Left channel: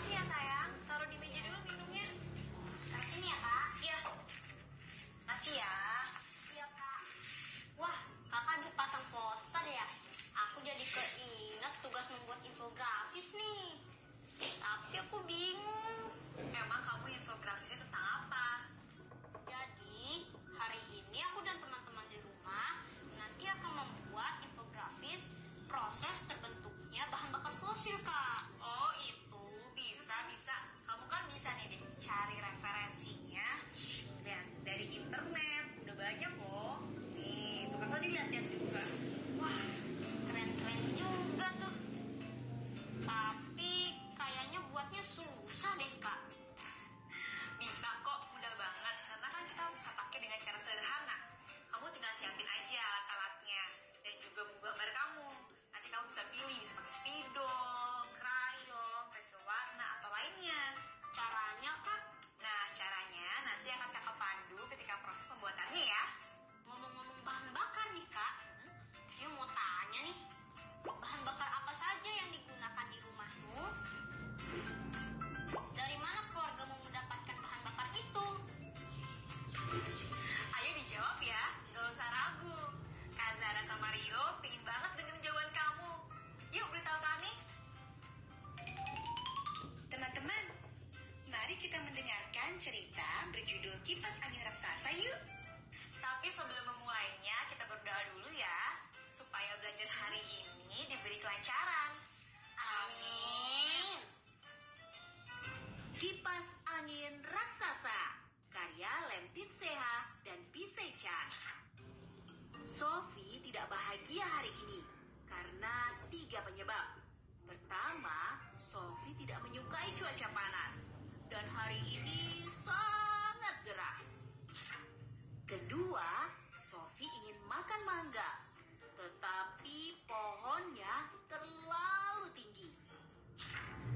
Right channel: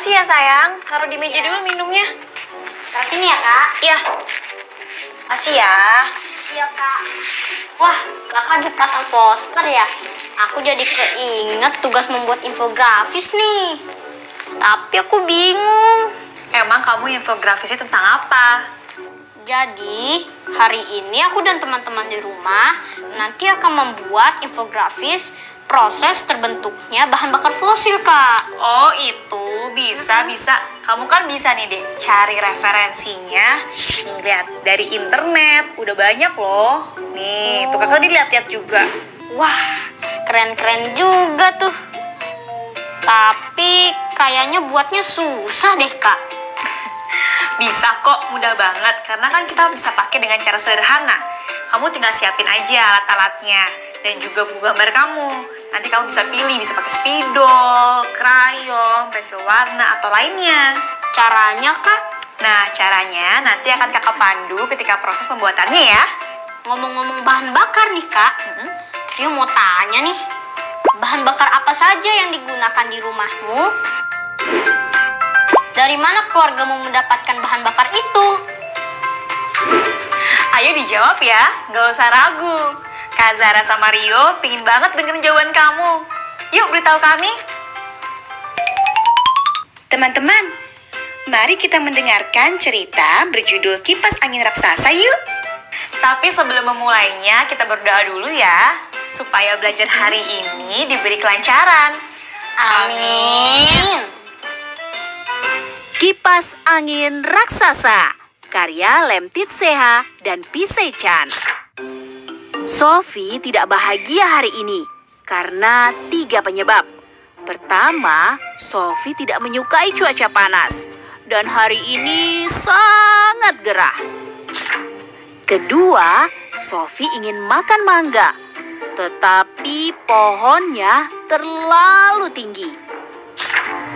Makasih ya sayang, taruh di meja dulu minumnya. Taruh sini ya kak? Iya. Makasih ya. Iya kak. Wah, kakak dipasang poster ya? Aku jadi keinget tugas membuat infografis nih. Tapi aku bingung. Emang kamu infografisnya tentang apa? Jadi, hari ini aku dan teman-teman di rumah nanti akan membuat infografis proses terbentuknya bahan bakar fosil, Kak. Oh, itu bisa. Kamu kan bisa nih deh cari referensinya. Nih, lihat dari internet, udah banyak loh. Nih, tuh kakak dilihat-lihat juga. Wah, keren-keren juga tuh. Tapi kayaknya buatnya susah deh, Kak. Bisa kok, mudah banget. Karena kan kita bisa pakai dengan cara sederhana. Kamu tinggal siapin aja alat-alatnya. Dan juga buku gambar kamu. Nanti kamu bisa pilih, bisa pakai spidol, krayon, pensil warna, atau lainnya. Caranya, Kak? Nah, caranya nanti akan kakak pandu ketika proses pembuatannya ya. Ngomong-ngomong bahan bakar nih, Kak. Rio mau tanya nih. Bahan bakar apa saja yang digunakan di rumahmu? Dari mana keluargamu mendapatkan bahan bakar itu? Ayo dijawab ya, nggak usah ragu. Kak Zara sama Rio pingin banget dengerin jawaban kamu. Yuk beritahu kami. Teman-teman, mari kita mendengarkan cerita berjudul Kipas Angin Raksasa yuk. Tapi sebelum memulainya, kita berdoa dulu ya, supaya belajar hari ini diberi kelancaran. Amin. Kipas Angin Raksasa, karya Lemtit Seha dan Pisei Chan. Sophie tidak bahagia hari ini karena 3 penyebab. Pertama, Sophie tidak menyukai cuaca panas dan hari ini sangat gerah. Kedua, Sophie ingin makan mangga, tetapi pohonnya terlalu tinggi.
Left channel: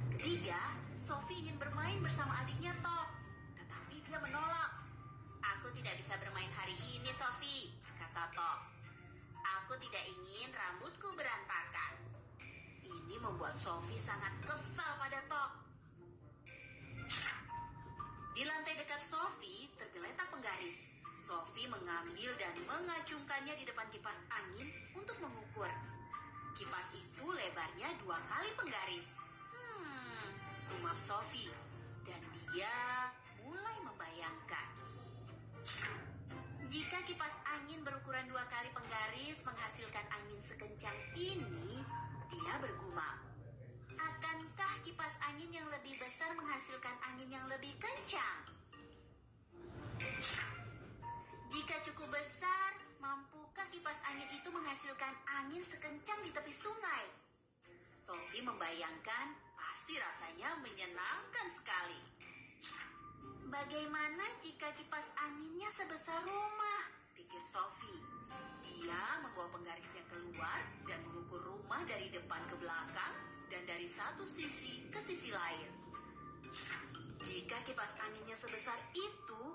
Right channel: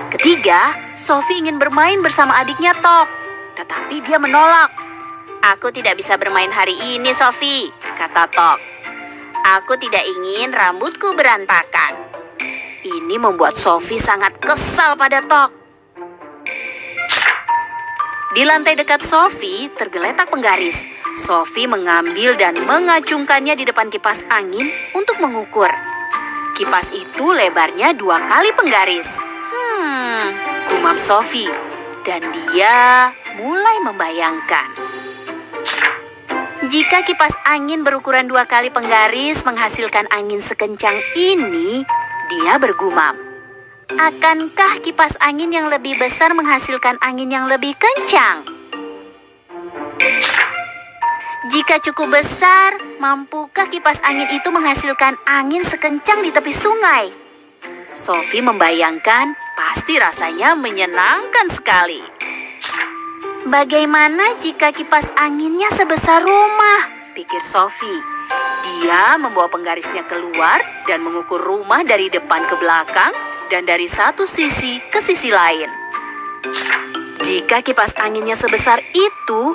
Ketiga, Sophie ingin bermain bersama adiknya Tok, tetapi dia menolak. "Aku tidak bisa bermain hari ini, Sophie," kata Tok. "Aku tidak ingin rambutku berantakan." Ini membuat Sophie sangat kesal pada Tok. Di lantai dekat Sophie tergeletak penggaris. Sophie mengambil dan mengacungkannya di depan kipas angin untuk mengukur. Kipas itu lebarnya 2 kali penggaris. Gumam Sophie, dan dia mulai membayangkan. Jika kipas angin berukuran 2 kali penggaris menghasilkan angin sekencang ini, dia bergumam. Akankah kipas angin yang lebih besar menghasilkan angin yang lebih kencang? Jika cukup besar, mampukah kipas angin itu menghasilkan angin sekencang di tepi sungai? Sophie membayangkan pasti rasanya menyenangkan sekali. Bagaimana jika kipas anginnya sebesar rumah? Pikir Sophie. Dia membawa penggarisnya keluar dan mengukur rumah dari depan ke belakang dan dari satu sisi ke sisi lain. Jika kipas anginnya sebesar itu,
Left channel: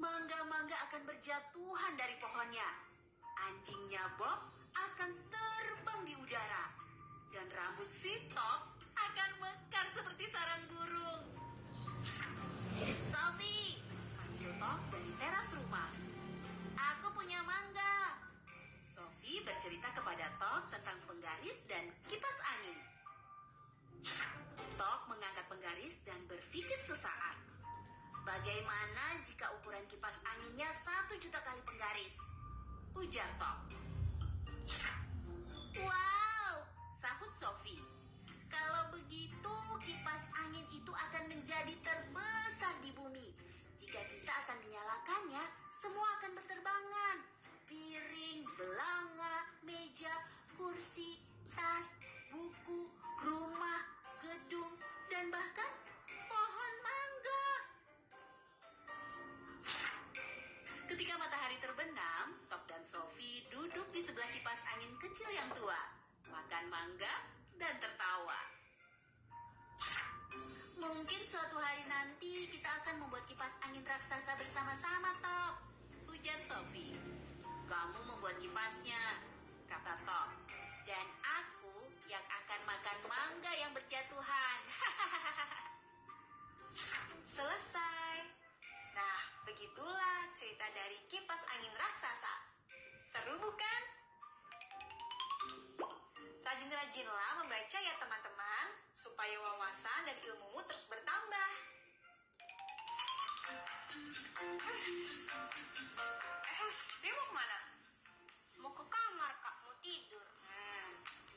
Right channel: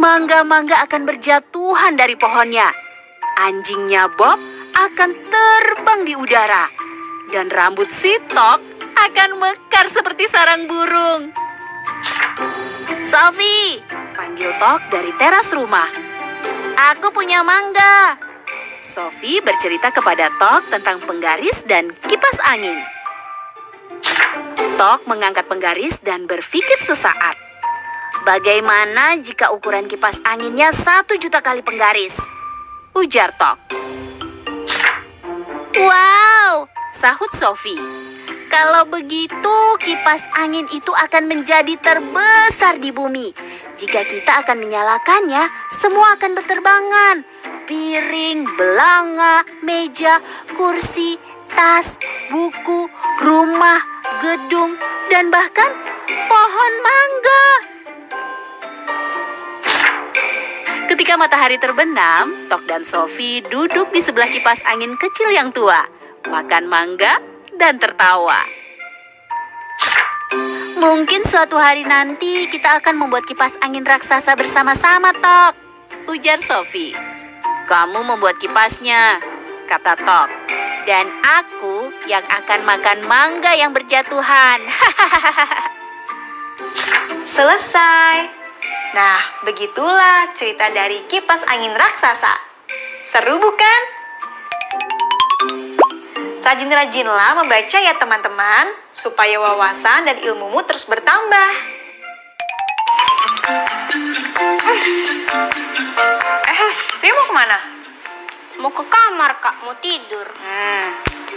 mangga-mangga akan berjatuhan dari pohonnya. Anjingnya Bob akan terbang di udara. Dan rambut si Tok akan mekar seperti sarang burung. "Sophie," panggil Tok dari teras rumah. "Aku punya mangga." Sophie bercerita kepada Tok tentang penggaris dan kipas angin. Tok mengangkat penggaris dan berpikir sesaat. "Bagaimana jika ukuran kipas anginnya 1 juta kali penggaris?" ujar Tok. "Wow," sahut Sophie. "Kalau begitu, kipas angin itu akan menjadi terbesar di bumi. Jika kita akan menyalakannya, semua akan berterbangan. Piring, belanga, meja, kursi, tas, buku, rumah, gedung, dan bahkan pohon mangga. Ketika matahari terbenam, Tok dan Sophie duduk di sebelah kipas angin kecil yang tua, makan mangga dan tertawa. Mungkin suatu hari nanti kita akan membuat kipas angin raksasa bersama-sama, Tok, ujar Sophie. Kamu membuat kipasnya, kata Tok. Dan aku yang akan makan mangga yang berjatuhan. Selesai. Nah, begitulah cerita dari kipas angin raksasa. Seru bukan? Rajin-rajinlah membaca ya teman-teman, supaya wawasan dan ilmumu terus bertambah. Rio mau kemana? Mau ke kamar, Kak. Mau tidur.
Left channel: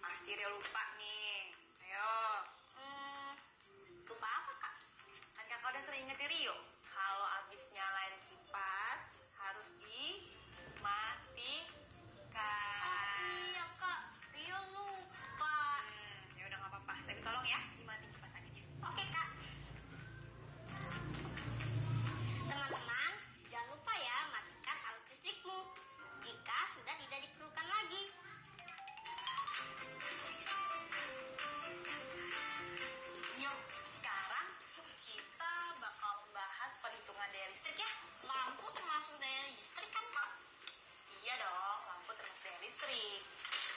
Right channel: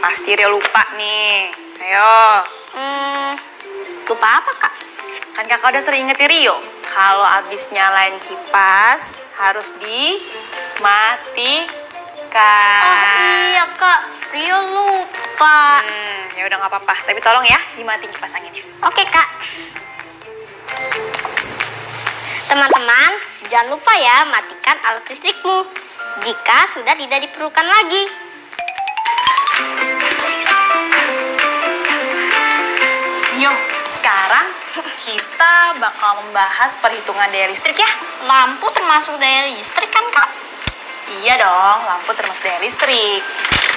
Pasti Rio lupa nih. Ayo. Lupa apa, Kak? Kan kakak udah sering ingetin Rio, kalau abis nyalain kipas harus dimatikan. Oh iya, Kak. Rio lupa. Ya udah nggak apa-apa, tapi tolong ya dimatiin kipas anginnya. Oke, Kak. Teman-teman, jangan lupa ya matikan alat listrikmu jika sudah tidak diperlukan lagi. Yuk, sekarang kita bakal membahas perhitungan daya listrik ya. Lampu termasuk daya listrik kan, Kak? Iya dong, lampu termasuk daya listrik.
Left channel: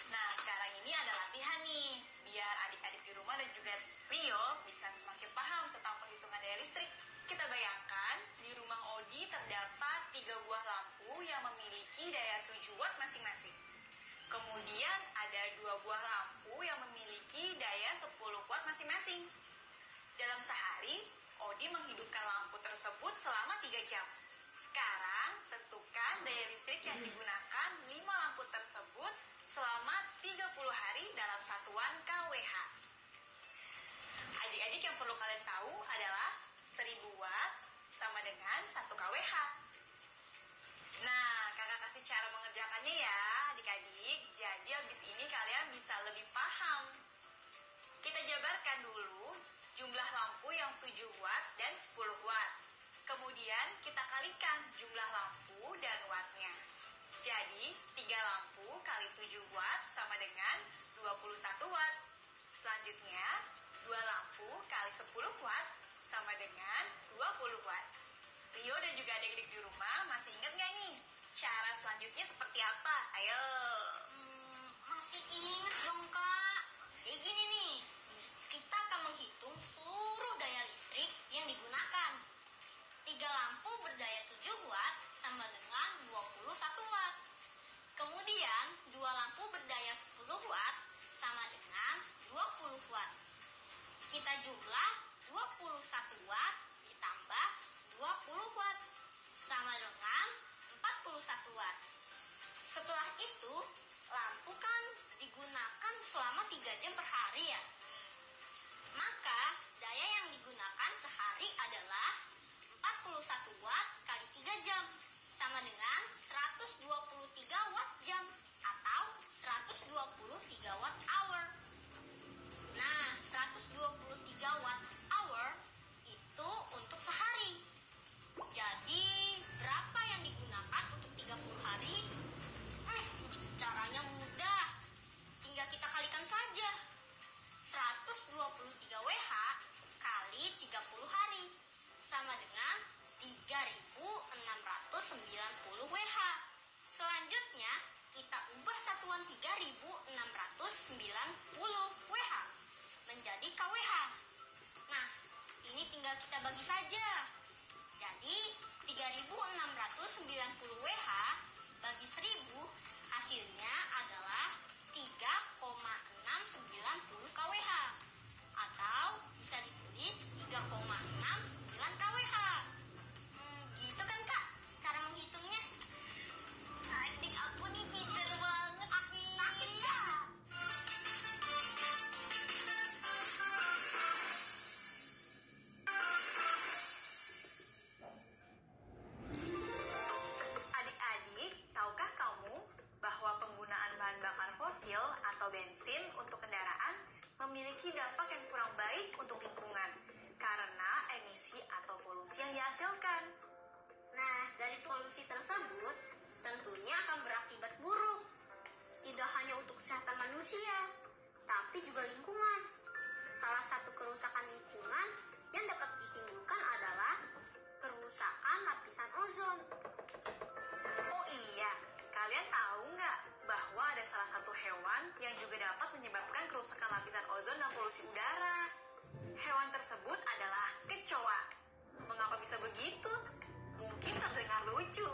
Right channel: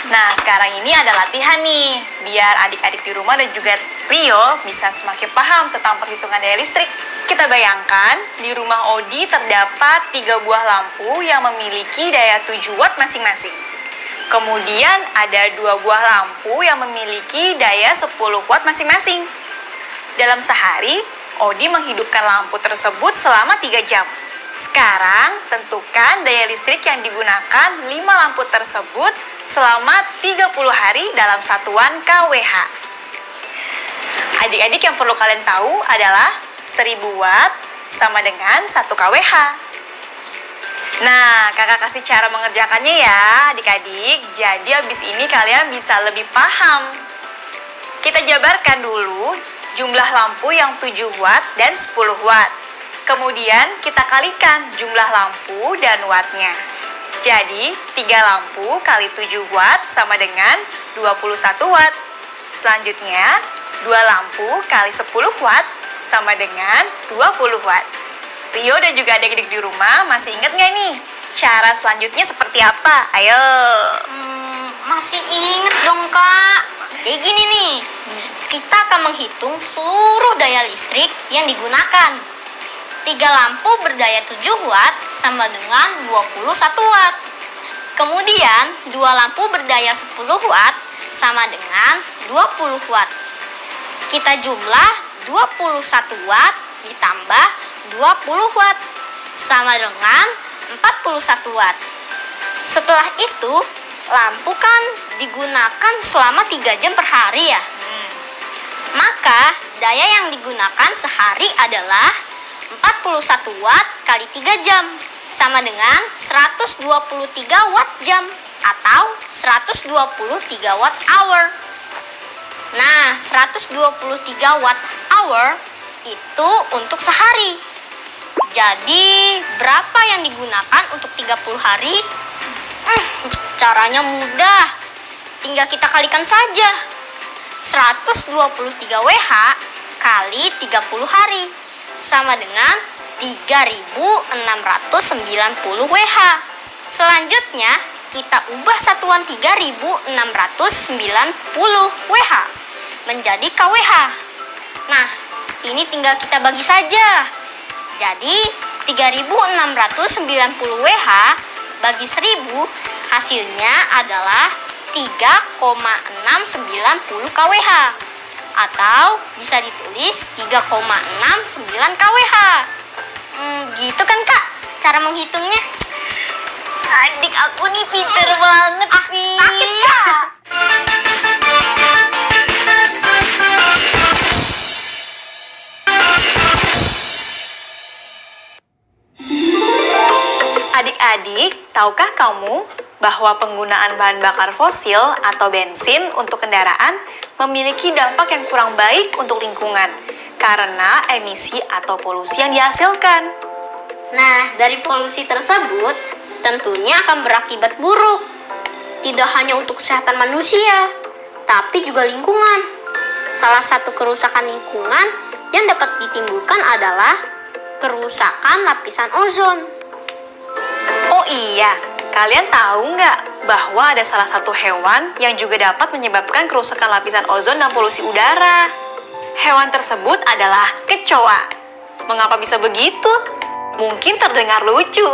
Nah, sekarang ini ada latihan nih, biar adik-adik di rumah dan juga Rio bisa semakin paham tentang perhitungan daya listrik. Kita bayangkan, di rumah Odi terdapat 3 buah lampu yang memiliki daya 7 watt masing-masing. Kemudian ada 2 buah lampu yang memiliki daya 10 watt masing-masing. Dalam sehari, Odi menghidupkan lampu tersebut selama 3 jam. Sekarang, tentukan daya listrik yang digunakan 5 lampu tersebut selama 30 hari dalam satuan kWh. Adik-adik yang perlu kalian tahu adalah 1000 watt sama dengan 1 kWh. Nah, kakak kasih cara mengerjakannya ya adik-adik. Jadi habis ini kalian bisa lebih paham. Kita jabarkan dulu jumlah lampu yang 7 watt dan 10 watt. Kemudian kita kalikan jumlah lampu dan wattnya. Jadi 3 lampu kali 7 watt sama dengan 21 watt. Selanjutnya 2 lampu kali 10 watt sama dengan 20 watt. Rio dan juga adik-adik di rumah masih ingat nggak nih? Cara selanjutnya seperti apa? Ayo. Masih ingat dong, Kak. Kayak gini nih. Kita akan menghitung seluruh daya listrik yang digunakan. 3 lampu berdaya 7 watt sama dengan 21 watt. Kemudian 2 lampu berdaya 10 watt sama dengan 20 watt. Kita jumlah 21 watt ditambah 20 watt sama dengan 41 watt. Setelah itu, lampu kan digunakan selama 3 jam per hari ya. Maka daya yang digunakan sehari adalah 41 watt kali 3 jam sama dengan 123 watt jam atau 123 watt hour. Nah, 123 watt hour itu untuk sehari. Jadi, berapa yang digunakan untuk 30 hari? Caranya mudah. Tinggal kita kalikan saja. 123 WH kali 30 hari sama dengan 3.690 WH. Selanjutnya, kita ubah satuan 3.690 WH menjadi kWh. Nah, ini tinggal kita bagi saja. Jadi, 3.690 WH bagi 1.000 hasilnya adalah 3,690 kWh. Atau bisa ditulis 3,69 kWh. Gitu kan, Kak? Cara menghitungnya. Adik aku nih pinter banget sih. Sakit, Kak. Adik-adik, tahukah kamu bahwa penggunaan bahan bakar fosil atau bensin untuk kendaraan memiliki dampak yang kurang baik untuk lingkungan karena emisi atau polusi yang dihasilkan. Nah, dari polusi tersebut tentunya akan berakibat buruk. Tidak hanya untuk kesehatan manusia, tapi juga lingkungan. Salah satu kerusakan lingkungan yang dapat ditimbulkan adalah kerusakan lapisan ozon. Oh iya, kalian tahu nggak bahwa ada salah satu hewan yang juga dapat menyebabkan kerusakan lapisan ozon dan polusi udara? Hewan tersebut adalah kecoa. Mengapa bisa begitu? Mungkin terdengar lucu,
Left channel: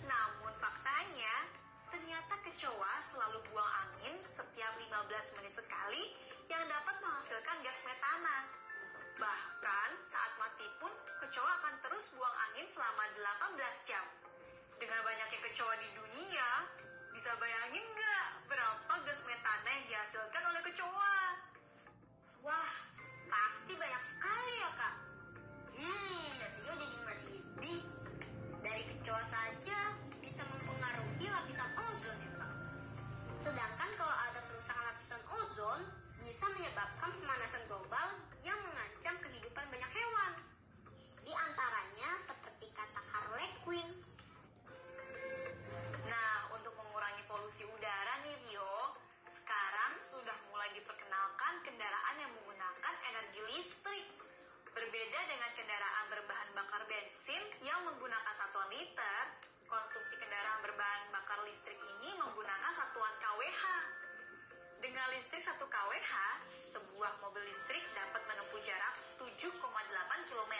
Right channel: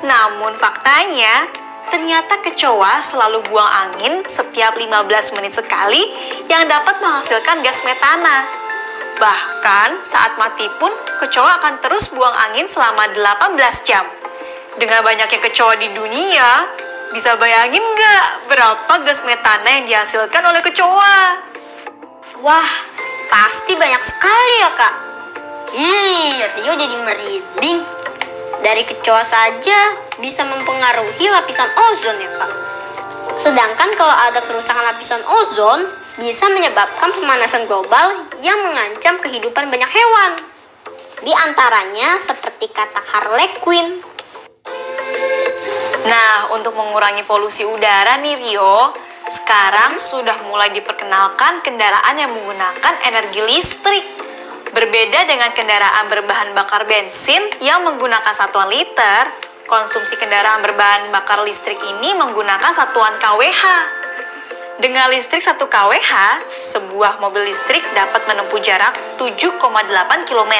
namun faktanya ternyata kecoa selalu buang angin setiap 15 menit sekali yang dapat menghasilkan gas metana. Bahkan saat mati pun kecoa akan terus buang angin selama 18 jam. Dengan banyaknya kecoa di dunia, bisa bayangin nggak berapa gas metana yang dihasilkan oleh kecoa? Wah, pasti banyak sekali ya, Kak. Rio jadi merinding. Dari kecoa saja bisa mempengaruhi lapisan ozon ya, Kak. Sedangkan kalau ada kerusakan lapisan ozon, bisa menyebabkan pemanasan global yang mengancam kehidupan banyak hewan. Di antaranya seperti kata Harley Quinn. Nah, untuk mengurangi polusi udara nih Rio, sekarang sudah mulai diperkenalkan kendaraan yang menggunakan energi listrik. Berbeda dengan kendaraan berbahan bakar bensin yang menggunakan satuan liter, konsumsi kendaraan berbahan bakar listrik ini menggunakan satuan kWh. Dengan listrik 1 kWh, sebuah mobil listrik dapat menempuh jarak 7,8 km.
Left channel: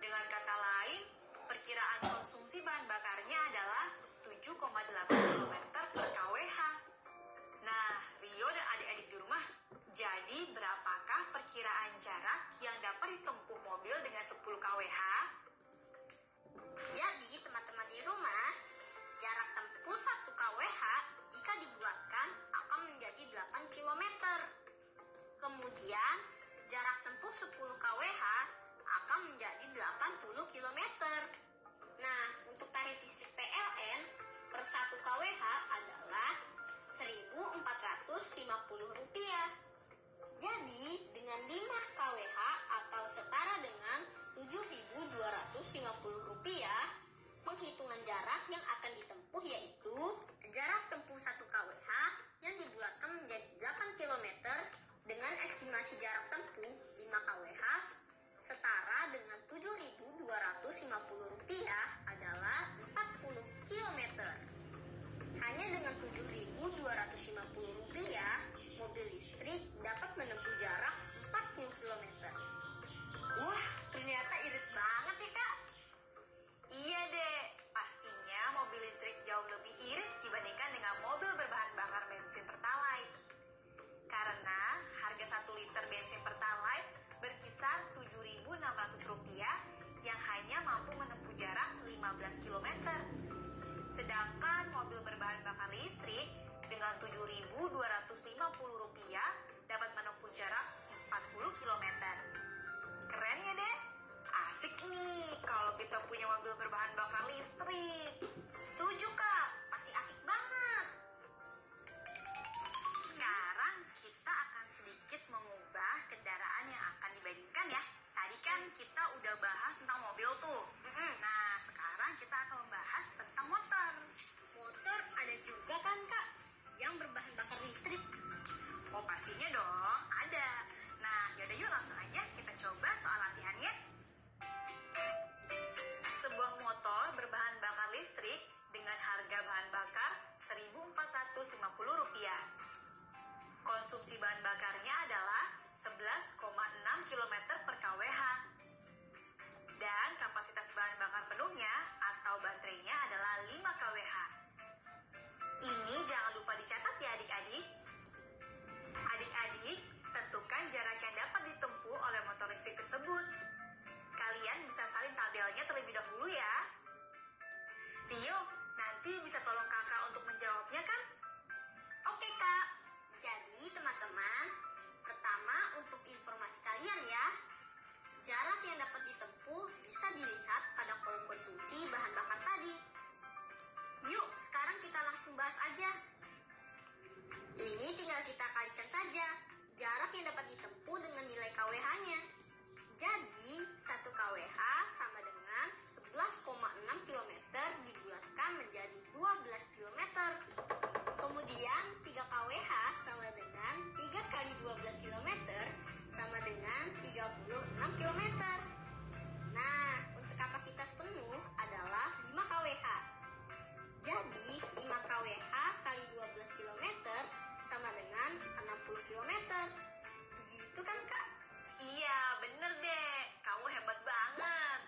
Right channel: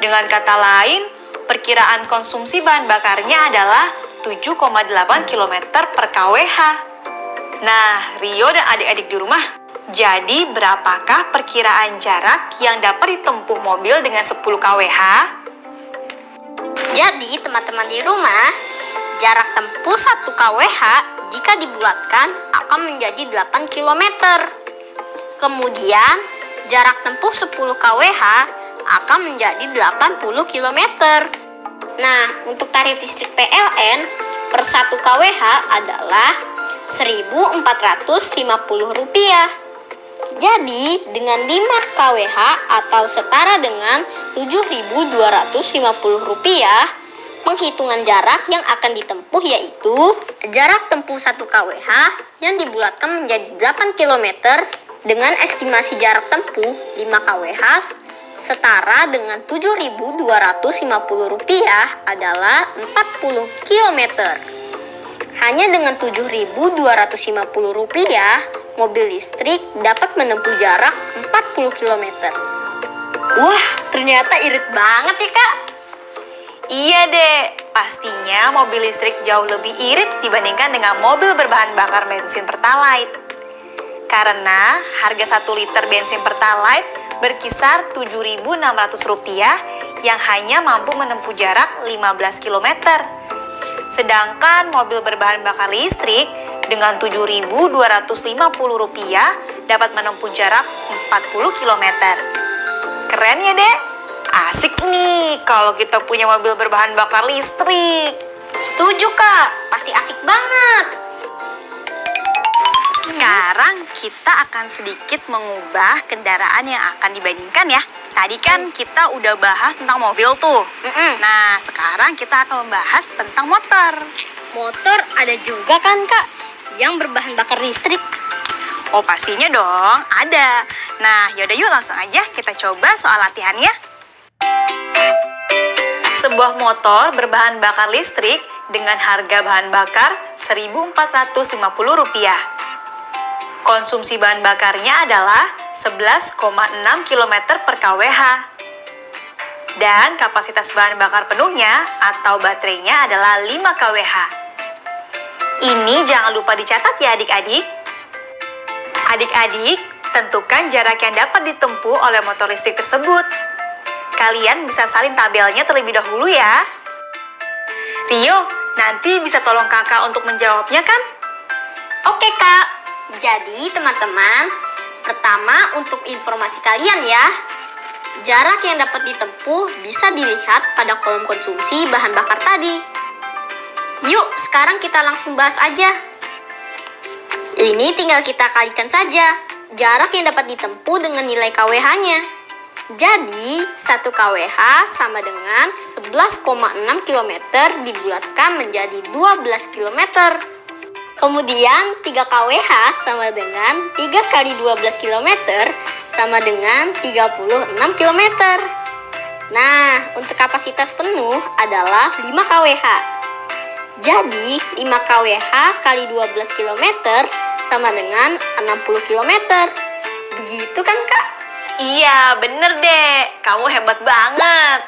Dengan kata lain, perkiraan konsumsi bahan bakarnya adalah 7,8 km per kWh. Nah, Rio dan adik-adik di rumah, jadi berapakah perkiraan jarak yang dapat ditempuh mobil dengan 10 kWh? Jadi, teman-teman di rumah, jarak tempuh 1 kWh jika dibulatkan akan menjadi 8 km. Kemudian, jarak tempuh 10 kWh akan menjadi 80 km. Nah, untuk tarif listrik PLN per 1 kWh adalah Rp1.450. Jadi, dengan 5 kWh atau setara dengan Rp7.250, penghitungan jarak yang akan ditempuh yaitu jarak tempuh 1 kWh yang dibulatkan menjadi 8 km dengan estimasi jarak tempuh 5 kWh setara dengan Rp7.250 adalah 40 km. Hanya dengan Rp7.250, mobil listrik dapat menempuh jarak 40 km. Wah, ternyata irit banget ya, Kak. Iya deh, pastinya mobil listrik jauh lebih irit dibandingkan dengan mobil berbahan bakar bensin Pertalite. Karena harga 1 liter bensin Pertalite berkisar Rp7.600 yang hanya mampu menempuh jarak 15 km. Sedangkan mobil berbahan bakar listrik dengan Rp7.250 dapat menempuh jarak 40 km. Keren ya, Dek? Asik nih kalau kita punya mobil berbahan bakar listrik. Setuju, Kak. Pasti asik banget. Sekarang kita akan sedikit mengubah kendaraan yang akan dibandingkan ya. Tadi kan kita udah bahas tentang mobil tuh. Nah, sekarang kita akan membahas tentang motor. Motor ada juga kan, Kak, yang berbahan bakar listrik? Oh, pastinya dong, ada. Nah, yaudah yuk langsung aja kita coba soal latihannya. Sebuah motor berbahan bakar listrik dengan harga bahan bakar Rp1.450. Konsumsi bahan bakarnya adalah 11,6 km per kWh. Dan kapasitas bahan bakar penuhnya atau baterainya adalah 5 kWh. Ini jangan lupa dicatat ya adik-adik. Adik-adik, tentukan jarak yang dapat ditempuh oleh motor listrik tersebut. Kalian bisa salin tabelnya terlebih dahulu ya. Rio, nanti bisa tolong kakak untuk menjawabnya kan? Oke, Kak. Jadi, teman-teman, pertama untuk informasi kalian ya, jarak yang dapat ditempuh bisa dilihat pada kolom konsumsi bahan bakar tadi. Yuk, sekarang kita langsung bahas aja. Ini tinggal kita kalikan saja jarak yang dapat ditempuh dengan nilai KWH-nya. Jadi, 1 KWH sama dengan 11,6 km dibulatkan menjadi 12 km. Kemudian, 3 KWH sama dengan 3 kali 12 km sama dengan 36 km. Nah, untuk kapasitas penuh adalah 5 KWH. Jadi, 5 KWH kali 12 km sama dengan 60 km. Begitu kan, Kak? Iya, bener deh. Kamu hebat banget.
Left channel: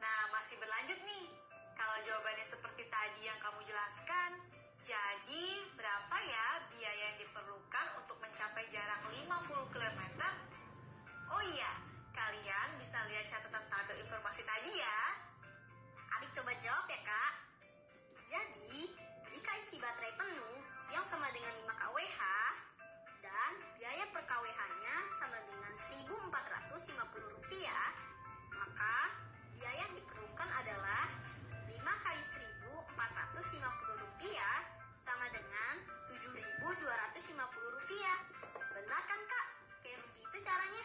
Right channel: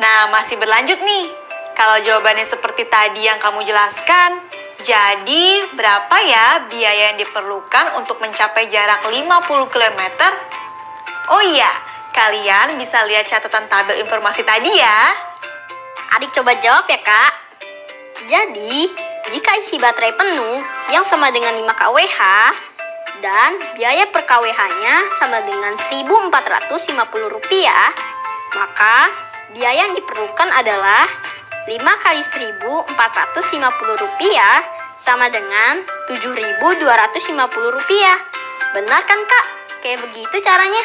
Nah, masih berlanjut nih. Kalau jawabannya seperti tadi yang kamu jelaskan, jadi berapa ya biaya yang diperlukan untuk mencapai jarak 50 km? Oh iya, kalian bisa lihat catatan tabel informasi tadi ya. Adik coba jawab ya, Kak. Jadi, jika isi baterai penuh yang sama dengan 5 kWh dan biaya per kWh-nya sama dengan Rp1.450, maka biaya yang diperlukan adalah 5 kali Rp1.450 sama dengan Rp7.250. Benar kan, Kak? Kayak begitu caranya.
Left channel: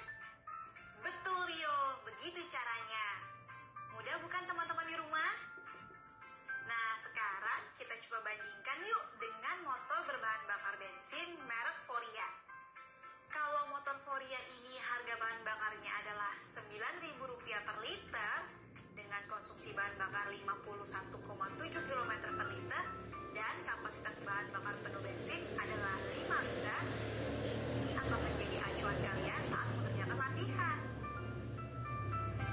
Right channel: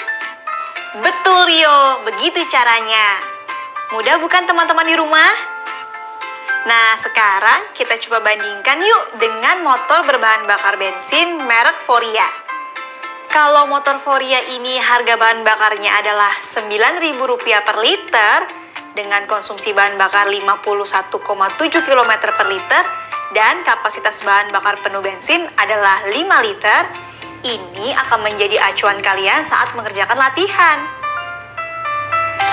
Betul, Rio. Begitu caranya. Mudah bukan teman-teman di rumah? Nah, sekarang kita coba bandingkan yuk dengan motor berbahan bakar bensin merek Foria. Kalau motor Foria ini harga bahan bakarnya adalah Rp9.000 per liter dengan konsumsi bahan bakar 51,7 km per liter dan kapasitas bahan bakar penuh bensin adalah 5 liter, ini akan menjadi acuan kalian saat mengerjakan latihan.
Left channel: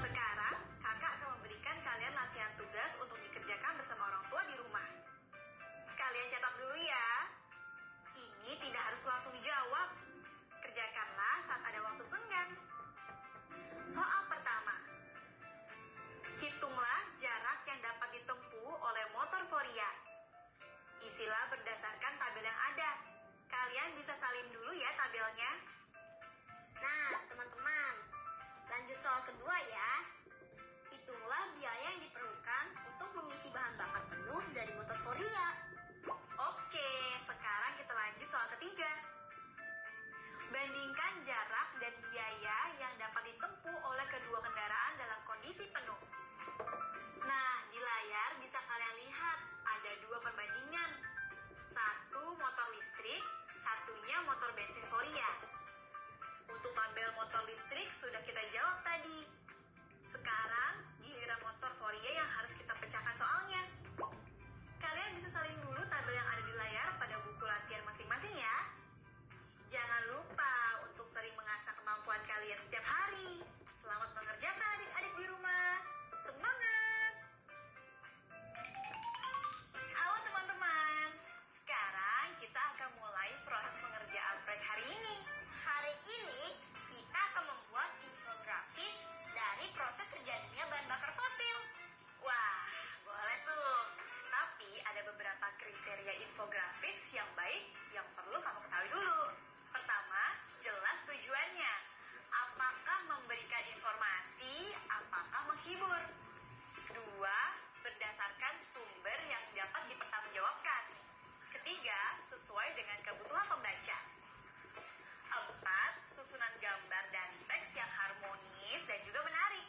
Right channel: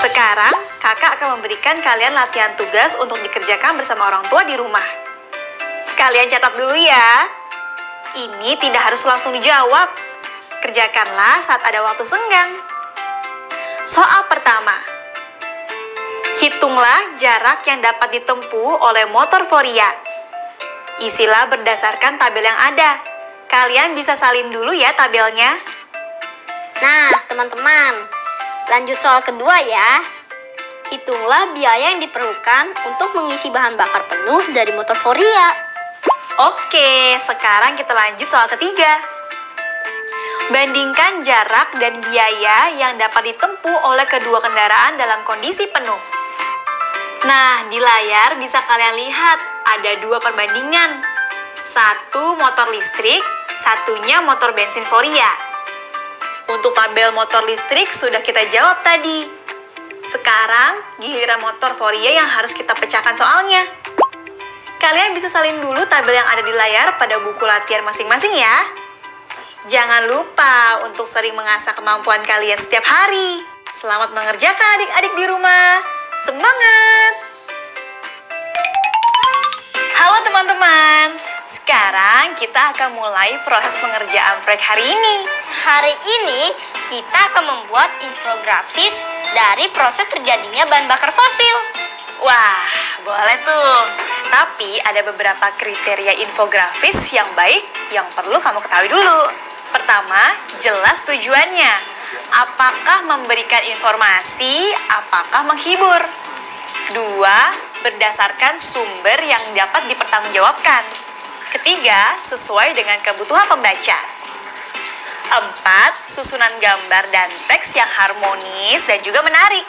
Sekarang, kakak akan memberikan kalian latihan tugas untuk dikerjakan bersama orang tua di rumah. Kalian catat dulu ya. Ini tidak harus langsung dijawab. Kerjakanlah saat ada waktu senggang. Soal pertama. Hitunglah jarak yang dapat ditempuh oleh motor Foria. Isilah berdasarkan tabel yang ada. Kalian bisa salin dulu ya tabelnya. Nah, teman-teman, lanjut soal kedua ya. Hitunglah biaya yang diperlukan untuk mengisi bahan bakar penuh dari motor Foria. Oke, sekarang kita lanjut soal ketiga. Bandingkan jarak dan biaya yang dapat ditempuh oleh kedua kendaraan dalam kondisi penuh. Nah, di layar bisa kalian lihat ada 2 perbandingan. Satu motor listrik, satunya motor bensin Foria. Untuk tabel motor listrik sudah kita jawab tadi. Sekarang giliran motor Foria yang harus kita pecahkan soalnya. Kalian bisa salin dulu tabel yang ada di layar pada buku latihan masing-masing ya. Jangan lupa untuk sering mengasah kemampuan kalian setiap hari. Selamat mengerjakan adik-adik di rumah. Semangat! Halo teman-teman. Sekarang kita akan mulai proses pengerjaan proyek hari ini. Hari ini kita akan membuat infografis dari proses terjadinya bahan bakar fosil. Wah, boleh tuh. Tapi ada beberapa kriteria infografis yang baik yang perlu kamu ketahui dulu. Pertama, jelas tujuannya. Apakah memberikan informasi, apakah menghibur? 2, berdasarkan sumber yang dapat dipertanggungjawabkan. Ketiga, sesuai dengan kebutuhan pembaca. 4, susunan gambar dan teks yang harmonis dan juga menarik.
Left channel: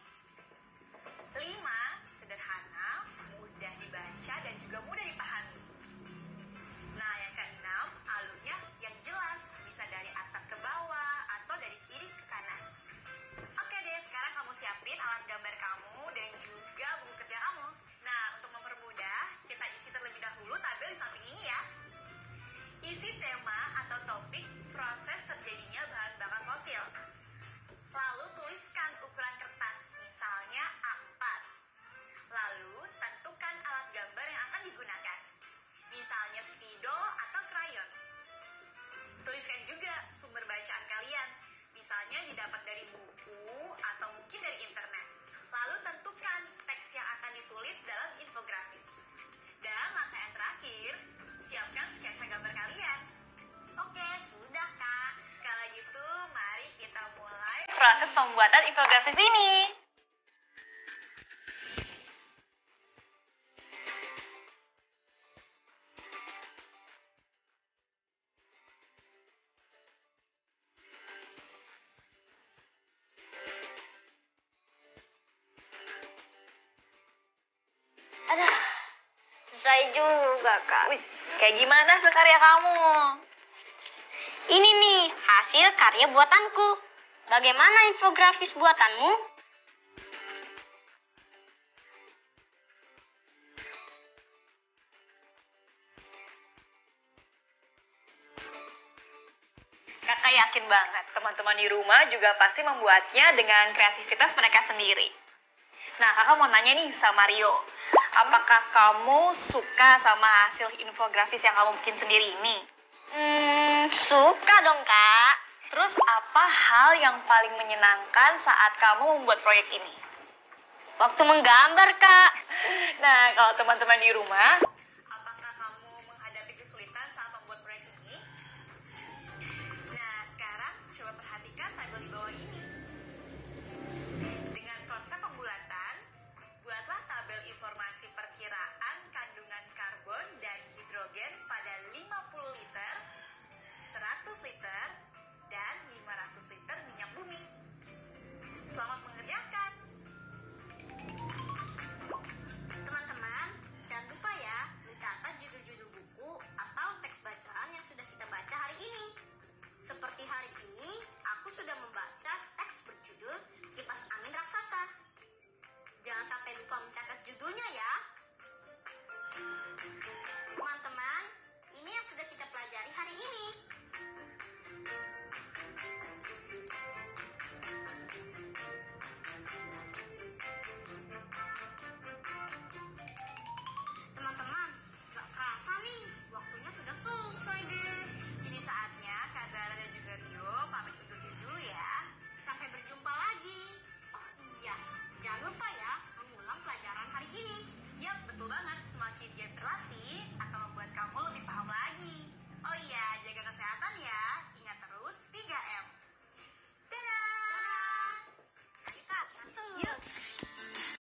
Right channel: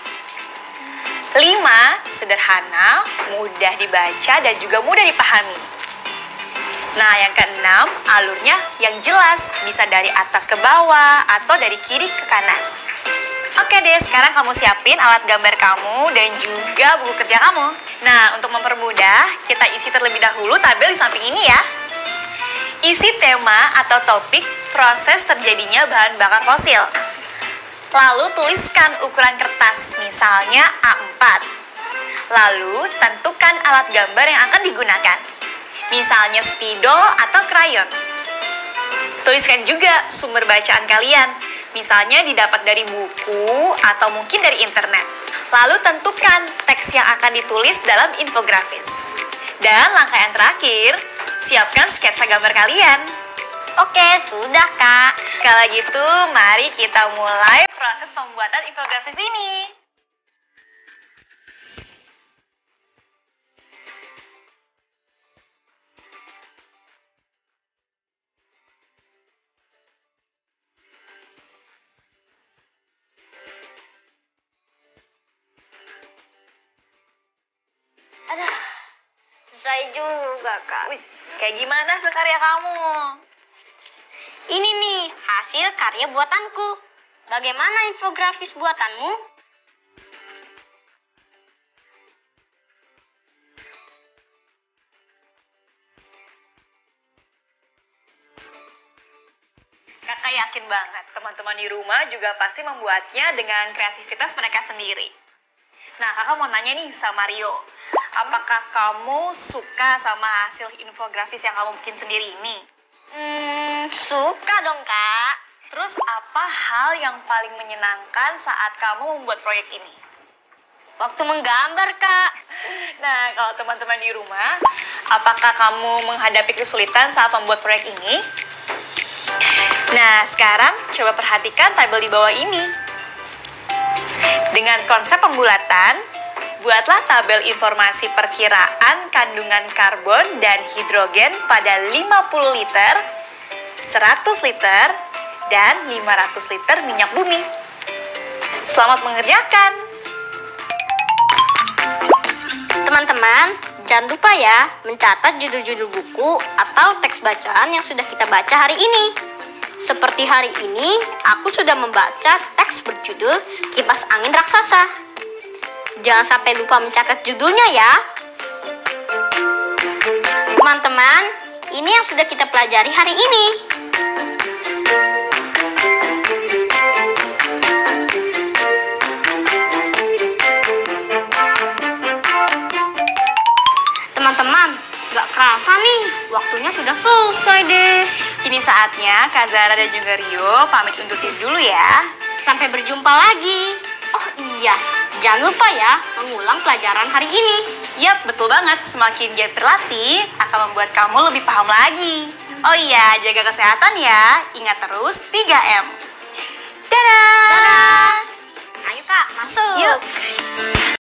5, sederhana, mudah dibaca dan juga mudah dipahami. Nah, yang keenam, alurnya yang jelas, bisa dari atas ke bawah atau dari kiri ke kanan. Oke deh, sekarang kamu siapin alat gambar kamu dan juga buku kerja kamu. Nah, untuk mempermudah, kita isi terlebih dahulu tabel di samping ini ya. Isi tema atau topik proses terjadinya bahan bakar fosil. Lalu tuliskan ukuran kertas, misalnya A4. Lalu tentukan alat gambar yang akan digunakan, misalnya spidol atau krayon. Tuliskan juga sumber bacaan kalian, misalnya didapat dari buku atau mungkin dari internet. Lalu tentukan teks yang akan ditulis dalam infografis. Dan langkah yang terakhir, siapkan sketsa gambar kalian. Oke, sudah Kak. Kalau gitu, mari kita mulai proses pembuatan infografis ini. juga, Kak. Wih, kayak gimana hasil karya kamu? Ini nih, hasil karya buatanku. Bagaimana infografis buatanmu? Kakak yakin banget teman-teman di rumah juga pasti membuatnya dengan kreativitas mereka sendiri. Nah, kakak mau nanya nih sama Rio. Apakah kamu suka sama hasil infografis yang kamu bikin sendiri ini? Suka dong, Kak. Terus apa hal yang paling menyenangkan saat kamu membuat proyek ini? Waktu menggambar, Kak. Nah, kalau teman-teman di rumah, apakah kamu menghadapi kesulitan saat membuat proyek ini? Nah, sekarang coba perhatikan tabel di bawah ini. Dengan konsep pembulatan, buatlah tabel informasi perkiraan kandungan karbon dan hidrogen pada 50 liter, 100 liter, dan 500 liter minyak bumi. Selamat mengerjakan! Teman-teman, jangan lupa ya mencatat judul-judul buku atau teks bacaan yang sudah kita baca hari ini. Seperti hari ini, aku sudah membaca teks berjudul Kipas Angin Raksasa. Jangan sampai lupa mencatat judulnya ya. Teman-teman, ini yang sudah kita pelajari hari ini. Teman-teman, gak kerasa nih, waktunya sudah selesai deh. Kini saatnya Kak Zara dan juga Rio pamit undur diri dulu ya. Sampai berjumpa lagi. Oh iya, jangan lupa ya mengulang pelajaran hari ini. Yap, betul banget. Semakin giat berlatih akan membuat kamu lebih paham lagi. Oh iya, jaga kesehatan ya. Ingat terus 3M. Dadah!